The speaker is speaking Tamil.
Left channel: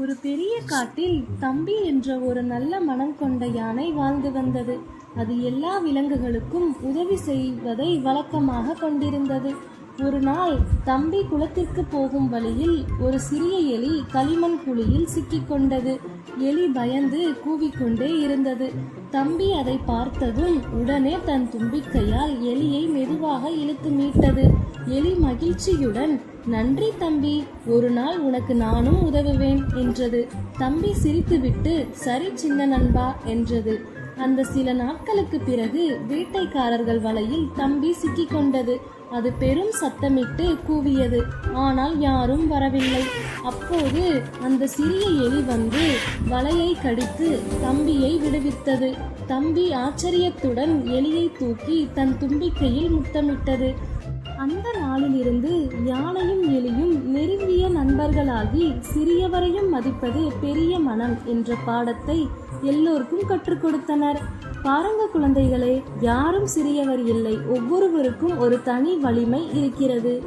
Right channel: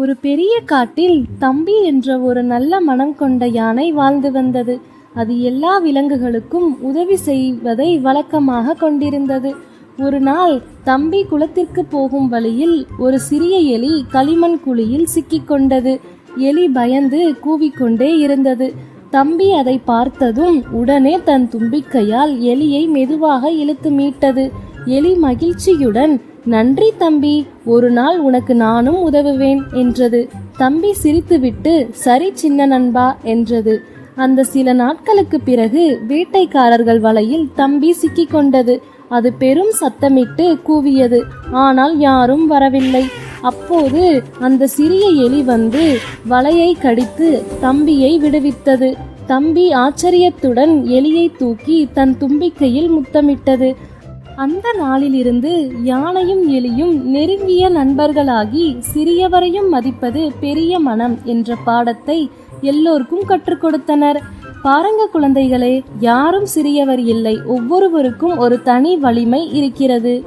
ஒரு பெரிய காட்டில் தம்பி என்ற ஒரு நல்ல மனம் கொண்ட யானை வாழ்ந்து வந்தது. அது எல்லா விலங்குகளுக்கும் உதவி செய்வதை வழக்கமாக கொண்டிருந்தது. ஒரு நாள் தம்பி குளத்திற்கு போகும் வழியில் ஒரு சிறிய எலி களிமண் குழியில் சிக்கிக்கொண்டது எலி பயந்து கூவிக்கொண்டே இருந்தது. தம்பி அதை பார்த்ததும் உடனே தன் தும்பிக்கையால் எலியை மெதுவாக இழுத்து மீட்டது. எலி மகிழ்ச்சியுடன் நன்றி தம்பி ஒரு நாள் உனக்கு நானும் உதவுவேன் என்றது. தம்பி சிரித்துவிட்டு சரி சின்ன நண்பா என்றது. அந்த சில நாட்களுக்கு பிறகு வேட்டைக்காரர்கள் வலையில் தம்பி சிக்கிக்கொண்டது. அது பெரும் சத்தமிட்டு கூவியது. ஆனால் யாரும் வரவில்லை. அப்போது அந்த சிறிய எலி வந்து வலையை கடித்து தம்பியை விடுவித்தது. தம்பி ஆச்சரியத்துடன் எலியை தூக்கி தன் தும்பிக்கையில் முத்தமிட்டது. அந்த நாளிலிருந்து யானையும் எலியும் நெருங்கிய நண்பர்களாகி சிறியவரையும் மதிப்பது பெரிய மனம் என்ற பாடத்தை எல்லோருக்கும் கற்றுக் கொடுத்தனர். பாருங்க குழந்தைகளே யாரும் சிறியவர் இல்லை ஒவ்வொருவருக்கும் ஒரு தனி வலிமை இருக்கிறது.